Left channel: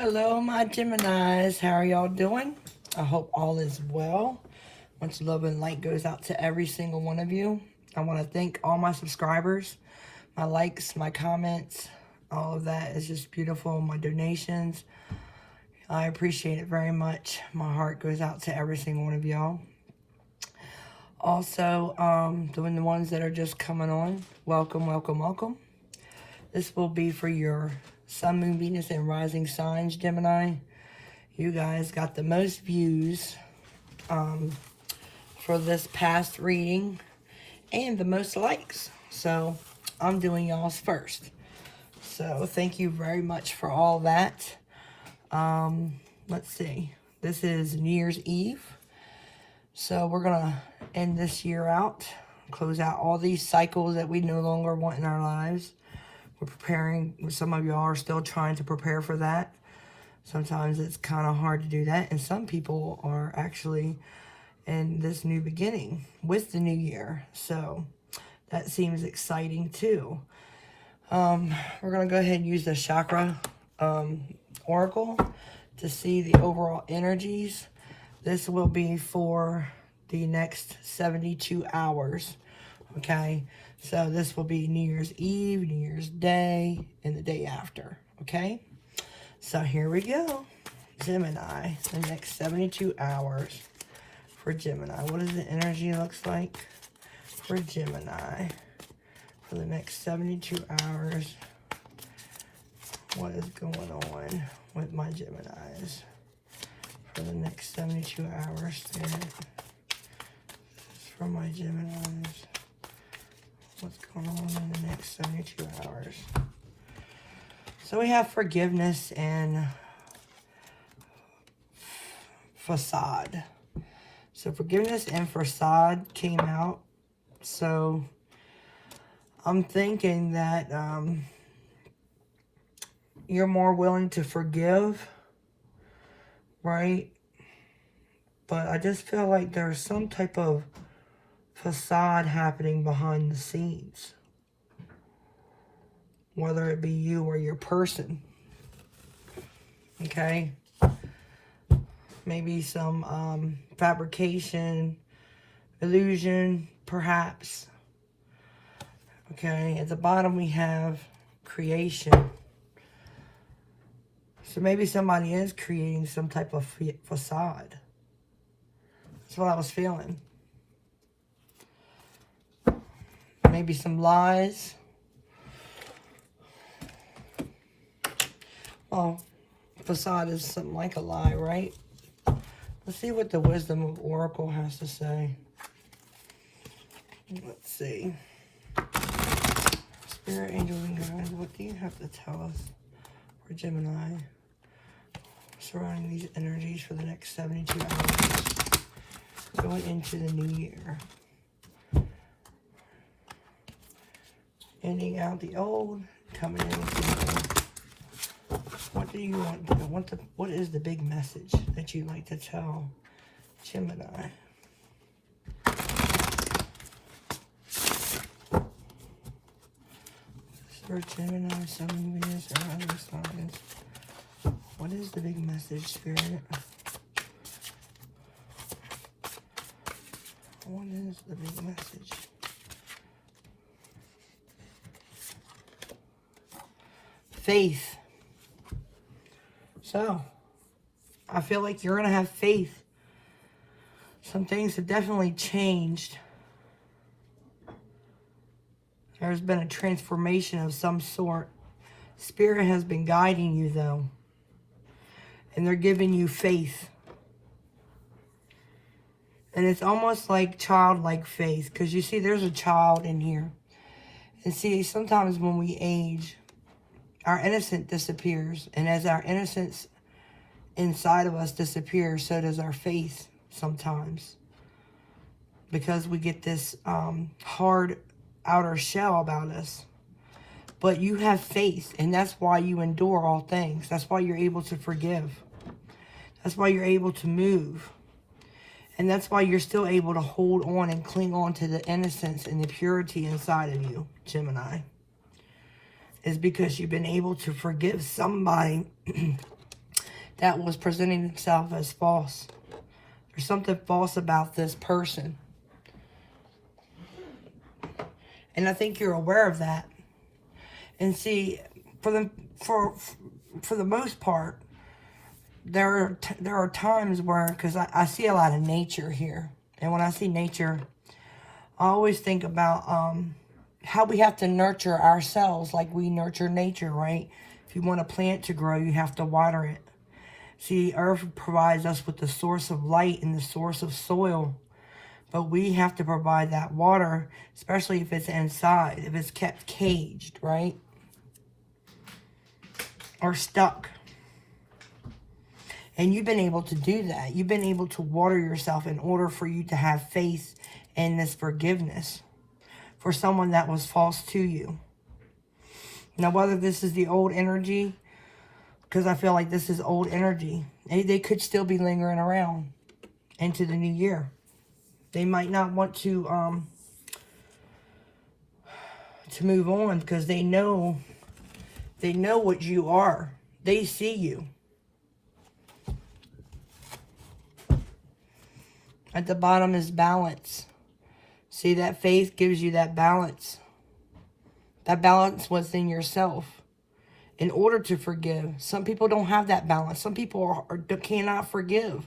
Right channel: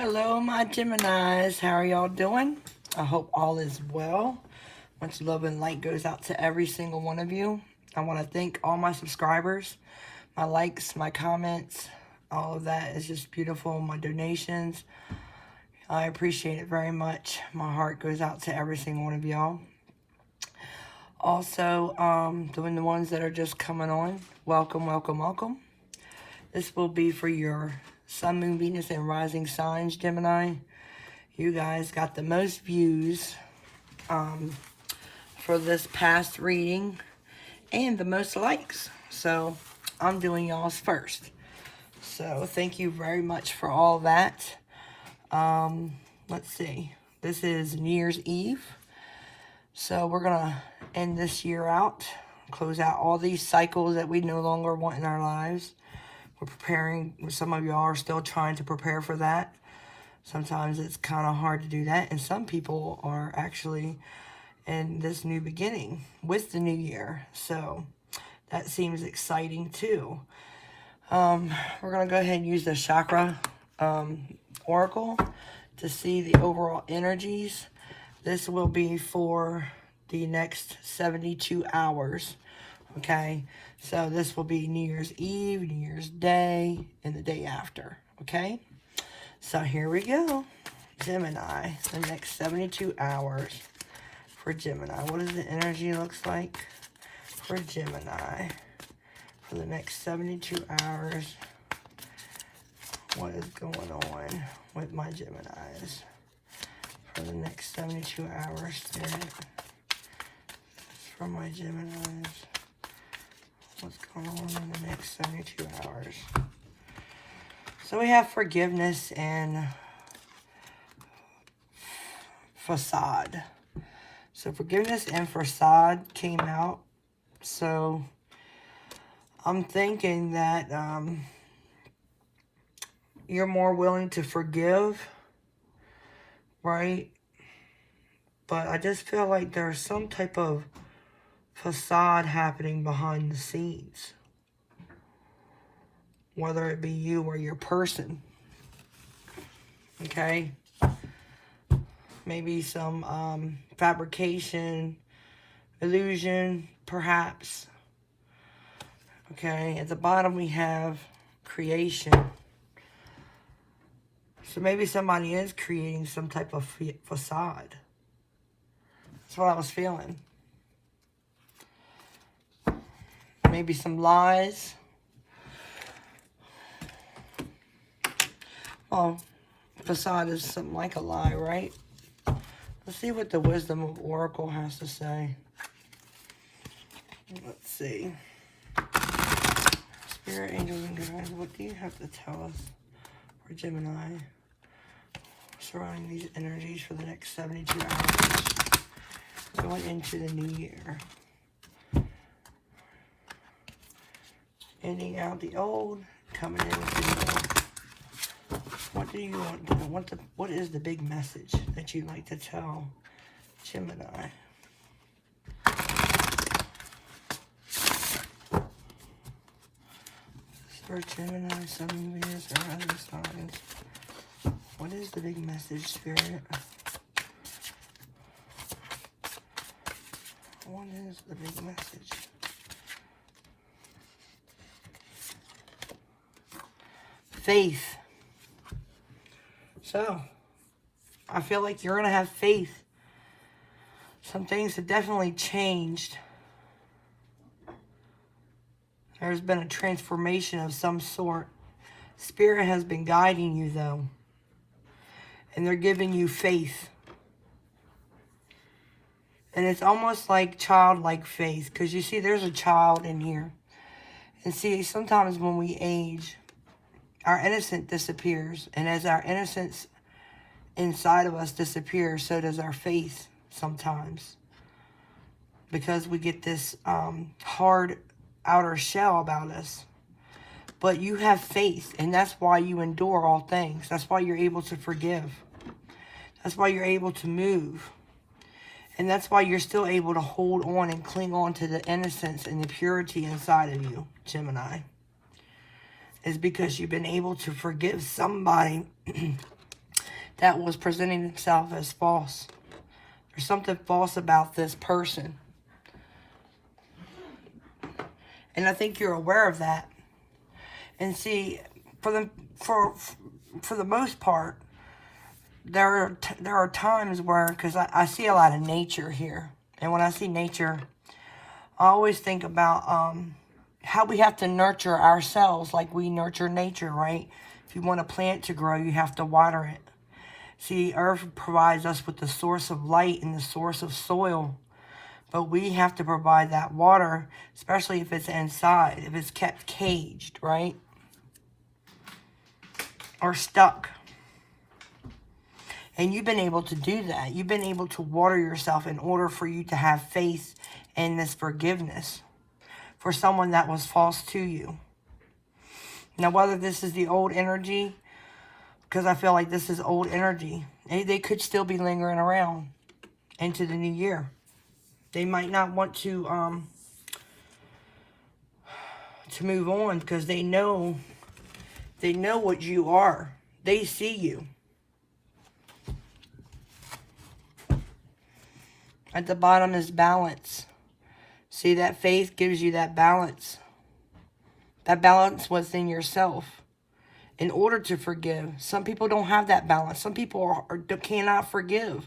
Hello, my Geminis. How are y'all doing? I hope all is well. Much love and light goes out to every single one of you. I want to thank all my subscribers, my likes, my comments. All of that is just beautiful. My donations. I appreciate it very much. My heart goes out to every single one of y'all. Also, doing the ones that are just coming on, welcome, welcome, welcome. This will be for your Sun, Moon, Venus, and Rising signs, Gemini. You guys got the most views for this past reading and the most likes. So, I'm doing y'all's first. So, thank you very much for all that. Let's see. This is New Year's Eve. So, we're going to end this year out. Close out all these cycles that we no longer want in our lives. We're preparing. Some of y'all are still trying to prepare for that. Sometimes it's kind of hard to do that. And some people are actually in this new beginning with the new year. So that seems exciting too. We're going to go ahead and use the chakra oracle to see the overall energies. This will be for the next 72 hours. Okay. So this will be New Year's Eve, New Year's Day, and the day after, okay? So here we go. Gemini, the next 72 hours for Gemini. What does the energy looks like for Gemini for the next 72 hours? What is going on with my Geminis for the next 72 hours? Spirit, for my Geminis. What's going on in the next 72 hours? So we have forgiveness and facade. So forgiveness and facade came out. So I'm thinking that you're more willing to forgive, right? But I just feel like there's some type of facade happening behind the scenes, whether it be you or your person. Okay, maybe some fabrication, illusion, perhaps. Okay, at the bottom we have creation. So maybe somebody is creating some type of facade. That's what I was feeling. Maybe some lies. Well, facade is something like a lie, right? Let's see what the wisdom of Oracle has to say. Let's see. Spirit, angels, and guides, what do you have to tell us for Gemini surrounding these energies for the next 72 hours going into the new year? Ending out the old, coming into the new. What do you want to do? What is the big message that you'd like to tell Gemini? For Gemini, Sun, Venus, or other signs. What is the big message, Spirit? What is the big message? Faith. So, I feel like you're going to have faith. Some things have definitely changed. There's been a transformation of some sort. Spirit has been guiding you, though. And they're giving you faith. And it's almost like childlike faith. Because you see, there's a child in here. And see, sometimes when we age, our innocence disappears. And as our innocence inside of us disappears, so does our faith sometimes. Because we get this hard outer shell about us. But you have faith. And that's why you endure all things. That's why you're able to forgive. That's why you're able to move. And that's why you're still able to hold on and cling on to the innocence and the purity inside of you, Gemini. Is because you've been able to forgive somebody that was presenting himself as false. There's something false about this person. And I think you're aware of that. And see, for the most part, there are times where, because I see a lot of nature here. And when I see nature, I always think about how we have to nurture ourselves like we nurture nature, right? If you want a plant to grow, you have to water it. See, Earth provides us with the source of light and the source of soil. But we have to provide that water, especially if it's inside, if it's kept caged, right? Or stuck. And you've been able to do that. You've been able to water yourself in order for you to have faith in this forgiveness for someone that was false to you. Now, whether this is the old energy, because I feel like this is old energy, they could still be lingering around into the new year. They might not want to move on because they know what you are. They see you. At the bottom is balance. See, that faith gives you that balance. That balance within yourself. In order to forgive. Some people don't have that balance. Some people cannot forgive.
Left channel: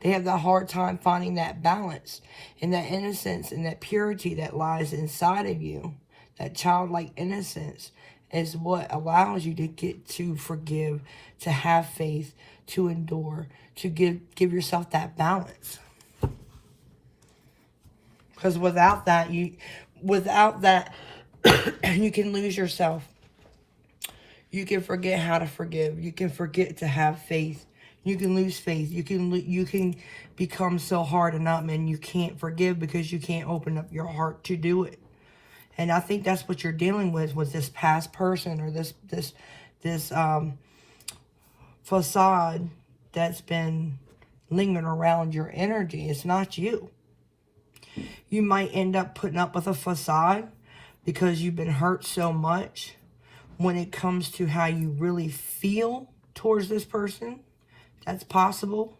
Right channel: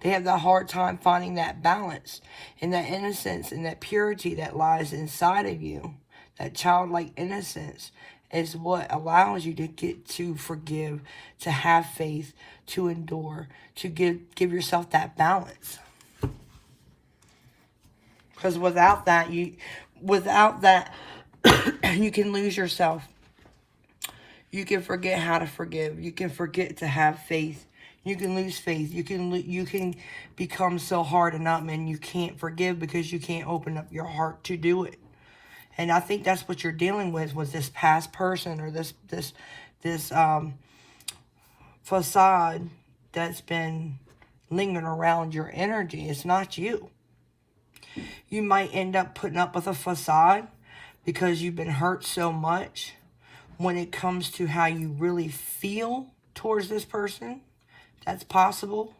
They have the hard time finding that balance. And that innocence and that purity that lies inside of you. That childlike innocence is what allows you to get to forgive. To have faith. To endure. To give yourself that balance. Because without that, you can lose yourself. You can forget how to forgive. You can forget to have faith. You can lose faith. You can become so hardened up and you can't forgive because you can't open up your heart to do it. And I think that's what you're dealing with this past person or this facade that's been lingering around your energy. It's not you. You might end up putting up with a facade because you've been hurt so much when it comes to how you really feel towards this person. That's possible.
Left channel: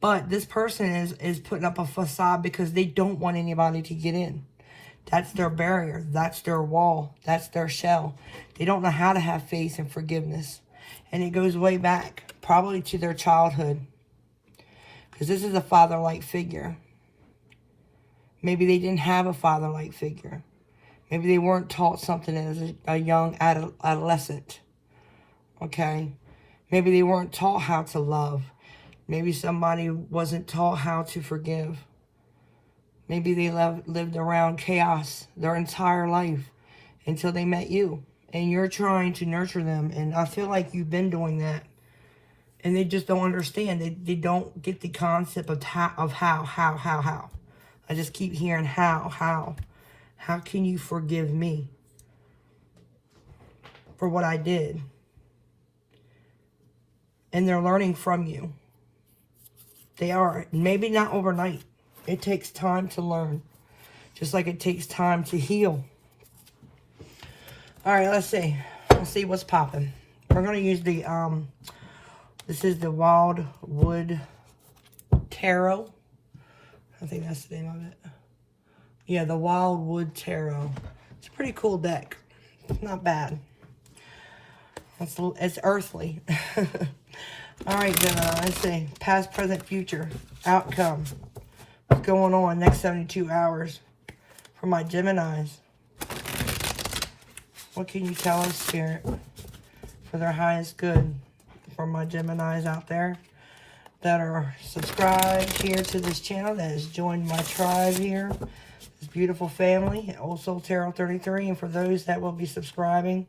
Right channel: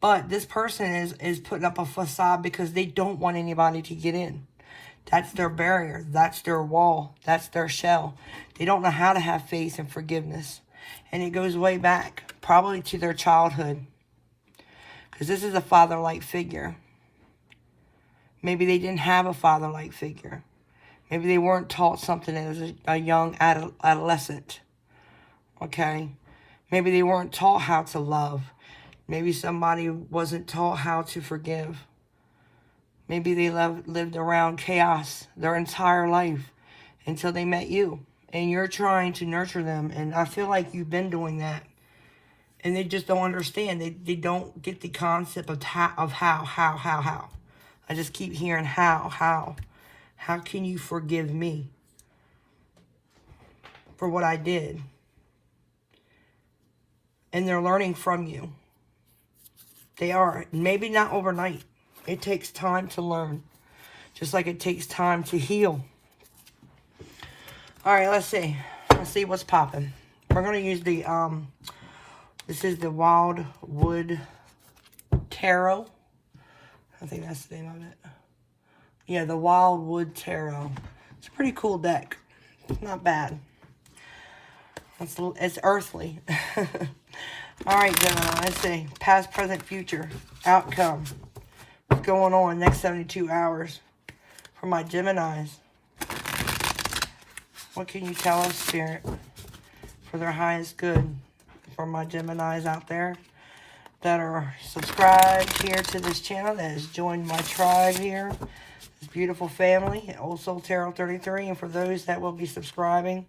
But this person is putting up a facade because they don't want anybody to get in. That's their barrier. That's their wall. That's their shell. They don't know how to have faith and forgiveness. And it goes way back, probably to their childhood. Because this is a father-like figure. Maybe they didn't have a father-like figure. Maybe they weren't taught something as a young adolescent. Okay? Maybe they weren't taught how to love. Maybe somebody wasn't taught how to forgive. Maybe they lived around chaos their entire life until they met you. And you're trying to nurture them. And I feel like you've been doing that. And they just don't understand. They don't get the concept of how. I just keep hearing how. How can you forgive me for what I did? And they're learning from you. They are. Maybe not overnight. It takes time to learn. Just like it takes time to heal. Alright, let's see. Let's see what's popping. We're going to use the, this is the Wildwood Tarot. I think that's the name of it. Yeah, the Wildwood Tarot. It's a pretty cool deck. It's not bad. It's earthly. Alright, Gemini, let's see. Past, present, future. Outcome. What's going on next 72 hours for my Geminis? What can you tell us, Spirit, for their highest good for my Geminis out there that are subscribed here to this channel, that has joined my tribe here, this beautiful family, Old Soul Tarot 33, and for those that will be subscribing,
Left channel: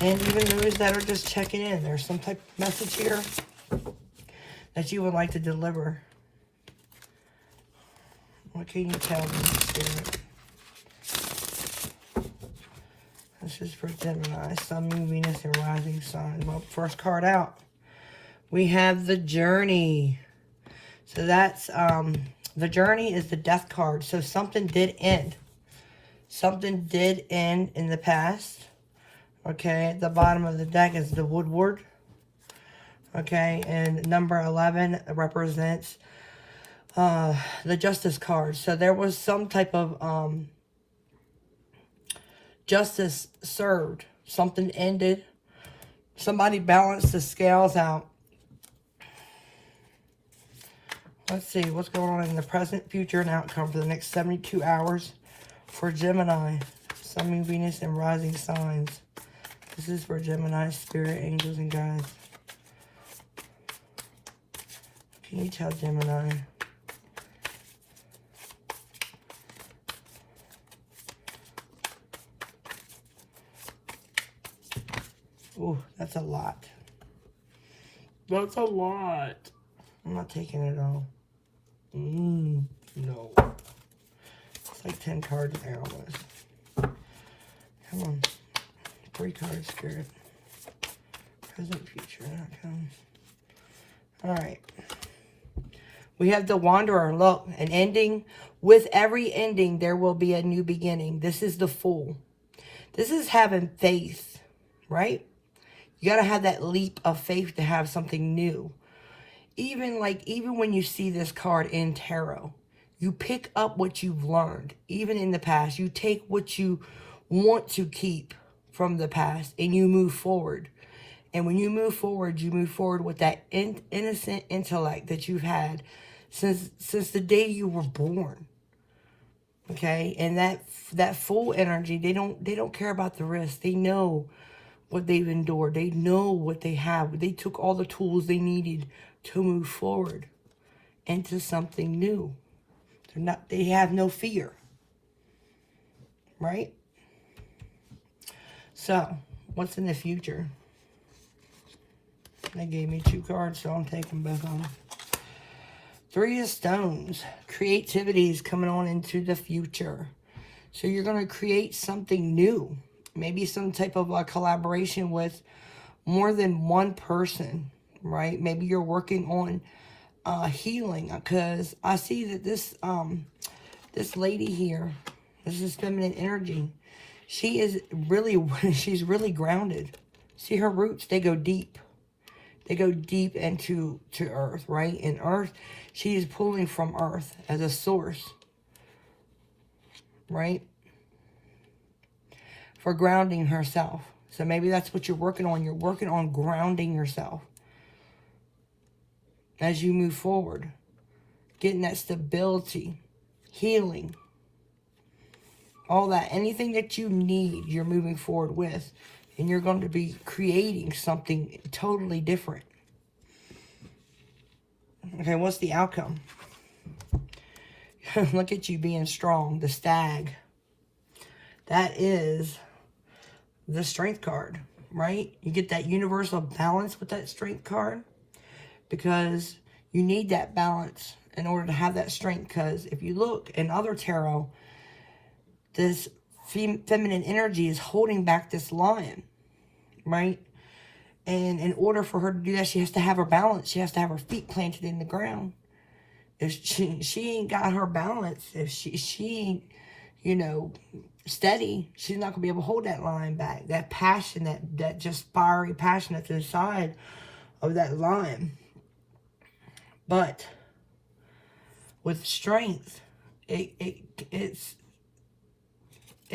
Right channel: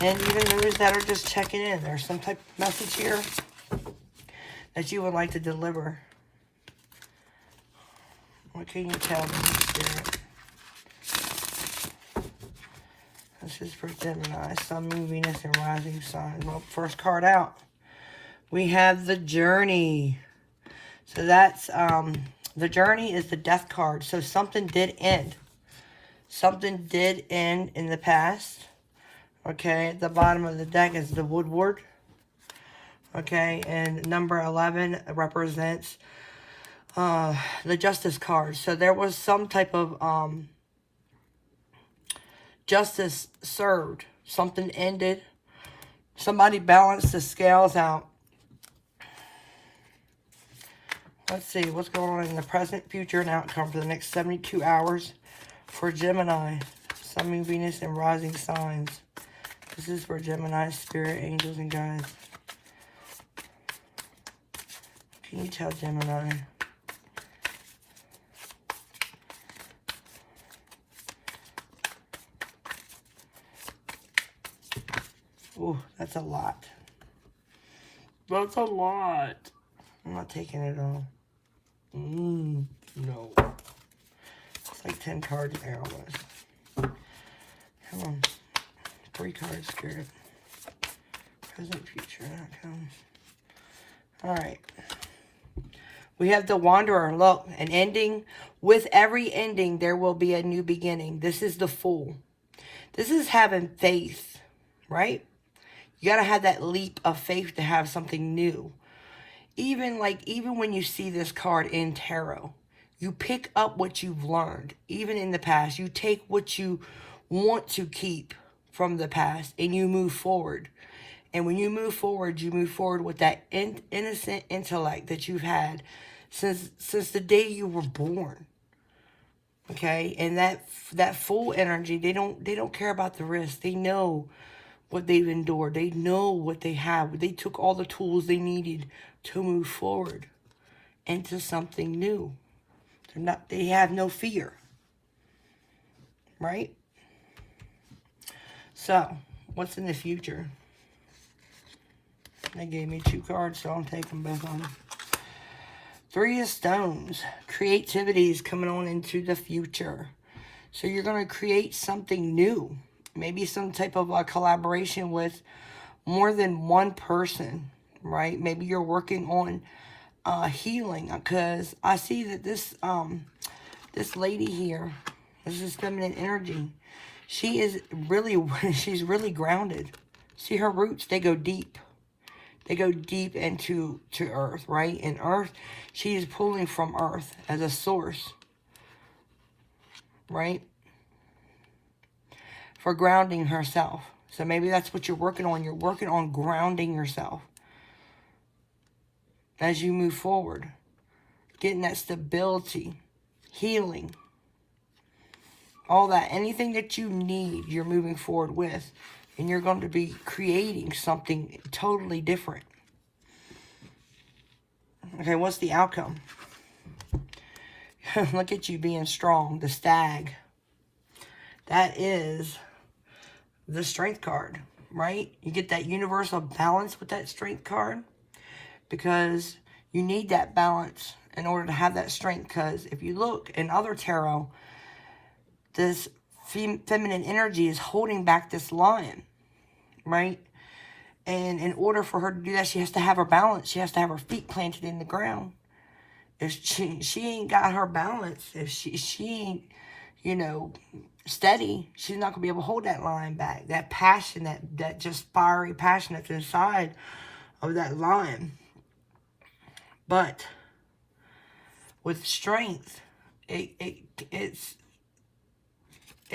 and even those that are just checking in. There's some type of message here that you would like to deliver. What can you tell me, Spirit? This is for Gemini, Sun, Moon, Venus, and Rising Sun. Well, first card out, we have the Journey. So that's, the Journey is the Death card. So something did end. Something did end in the past. Okay, at the bottom of the deck is the Woodward. Okay, and number 11 represents the justice card. So there was some type of justice served. Something ended. Somebody balanced the scales out. Let's see what's going on in the present, future, and outcome for the next 72 hours for Gemini, Sun, Moon, Venus, and rising signs. This is for Gemini, spirit, angels, and guides. Can you tell Gemini? Oh, that's a lot. That's a lot. I'm not taking it all. No. It's like 10 cards there almost. Come on. 3 cards, spirit. Present, future, outcome. Alright. We have the Wanderer. Look, an ending. With every ending, there will be a new beginning. This is the Fool. This is having faith, right? You got to have that leap of faith to have something new. Even when you see this card in tarot, you pick up what you've learned. Even in the past, you take what you want to keep from the past and you move forward. And when you move forward with that innocent intellect that you've had since the day you were born. Okay? And that Fool energy, they don't care about the risk. They know what they've endured. They know what they have. They took all the tools they needed to move forward into something new. They have no fear. Right? So, what's in the future? They gave me 2 cards, so I'll take them both on. 3 of Stones. Creativity is coming on into the future. So you're going to create something new. Maybe some type of a collaboration with more than one person, right? Maybe you're working on healing, because I see that this lady here, this is feminine energy. She's really grounded. See her roots, they go deep. They go deep into earth, right? In earth, she is pulling from earth as a source, right? For grounding herself. So maybe that's what you're working on. You're working on grounding yourself as you move forward. Getting that stability, healing, all that. Anything that you need, you're moving forward with. And you're going to be creating something totally different. Okay, what's the outcome? Look at you being strong. The Stag. That is the Strength card, right? You get that universal balance with that Strength card. Because you need that balance in order to have that strength. Because if you look in other tarot, this feminine energy is holding back this lion, right? And in order for her to do that, she has to have her balance. She has to have her feet planted in the ground. If she ain't got her balance, if she ain't, you know, steady, she's not going to be able to hold that lion back. That passion, that just fiery passion that's inside of that lion. But with strength, it's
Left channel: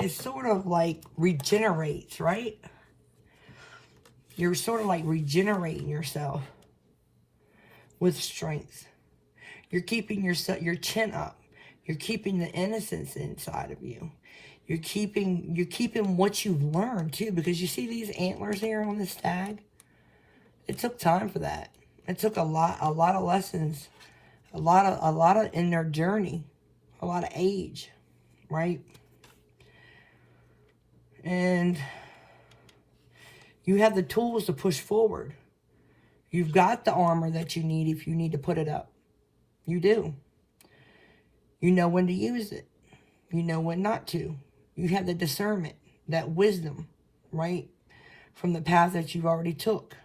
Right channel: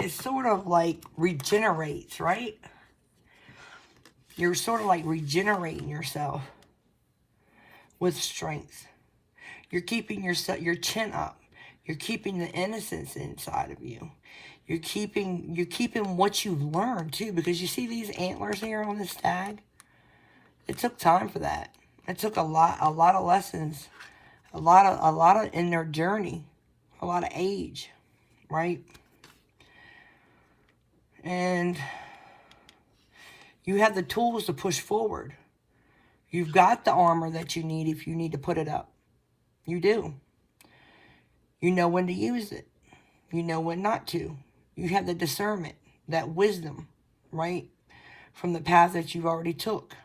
sort of like regenerates, right? You're sort of like regenerating yourself with strength. You're keeping your chin up. You're keeping the innocence inside of you. You're keeping what you've learned too, because you see these antlers here on the Stag. It took time for that. It took a lot of lessons, a lot of in their journey, a lot of age, right? And you have the tools to push forward. You've got the armor that you need if you need to put it up. You do. You know when to use it. You know when not to. You have the discernment, that wisdom, right? From the path that you've already took.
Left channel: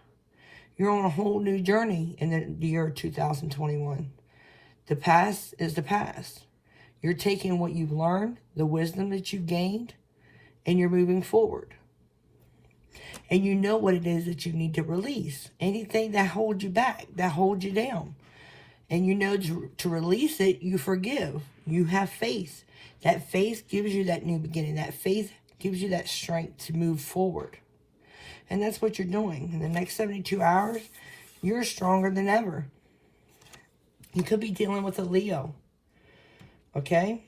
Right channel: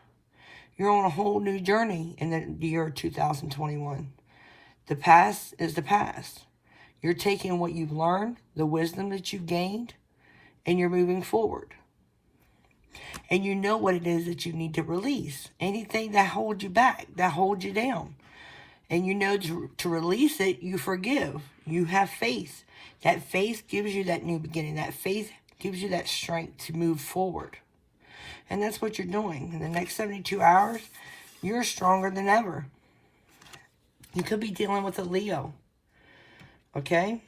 You're on a whole new journey in the year 2021. The past is the past. You're taking what you've learned, the wisdom that you've gained, and you're moving forward. And you know what it is that you need to release. Anything that holds you back, that holds you down. And you know to release it, you forgive. You have faith. That faith gives you that new beginning. That faith gives you that strength to move forward. And that's what you're doing. In the next 72 hours, you're stronger than ever. You could be dealing with a Leo. Okay?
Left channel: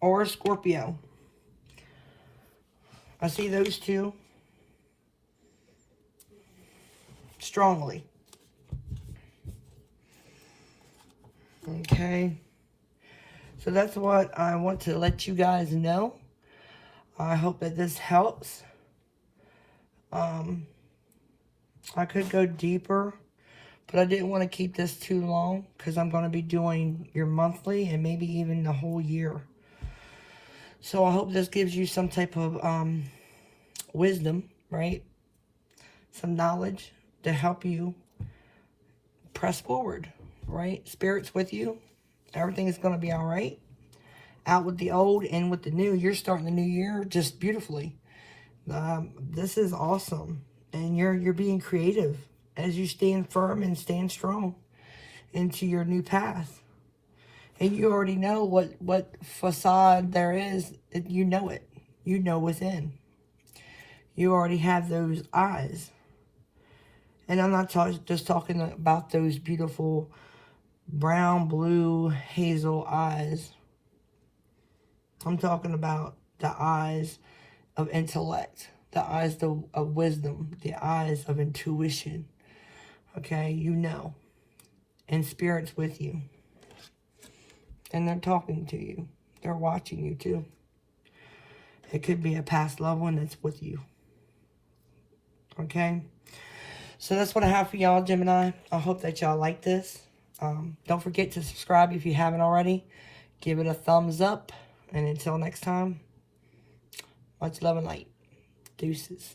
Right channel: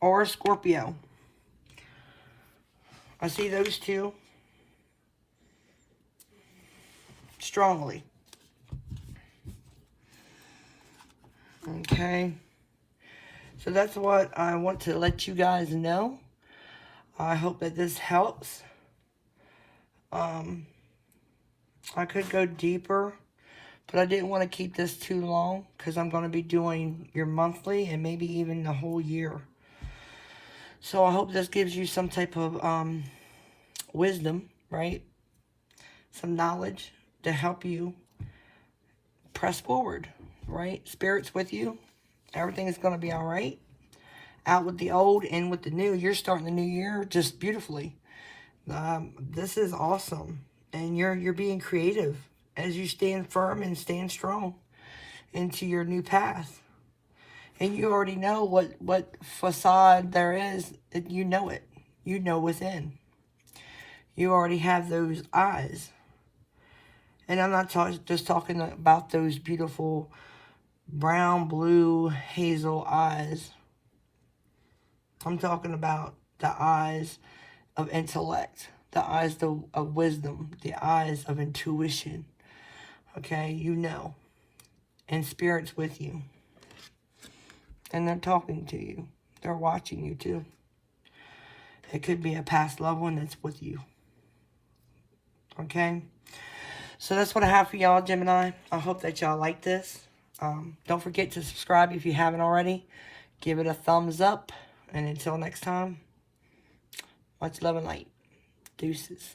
Or a Scorpio. I see those two strongly. Okay? So that's what I want to let you guys know. I hope that this helps. I could go deeper, but I didn't want to keep this too long because I'm going to be doing your monthly and maybe even the whole year. So I hope this gives you some type of wisdom, right? Some knowledge to help you press forward, right? Spirit's with you. Everything is going to be all right. Out with the old, in with the new. You're starting the new year just beautifully. This is awesome. And you're being creative as you stand firm and stand strong into your new path. And you already know what facade there is. You know it. You know within. You already have those eyes. And I'm not just talking about those beautiful brown, blue, hazel eyes. I'm talking about the eyes of intellect, the eyes of wisdom, the eyes of intuition. Okay, you know. And Spirit's with you. And they're talking to you. They're watching you too. It could be a past loved one that's with you. Okay? So that's what I have for y'all, Gemini. I hope that y'all like this. Don't forget to subscribe if you haven't already. Give it a thumbs up. And until next time, much love and light. Deuces.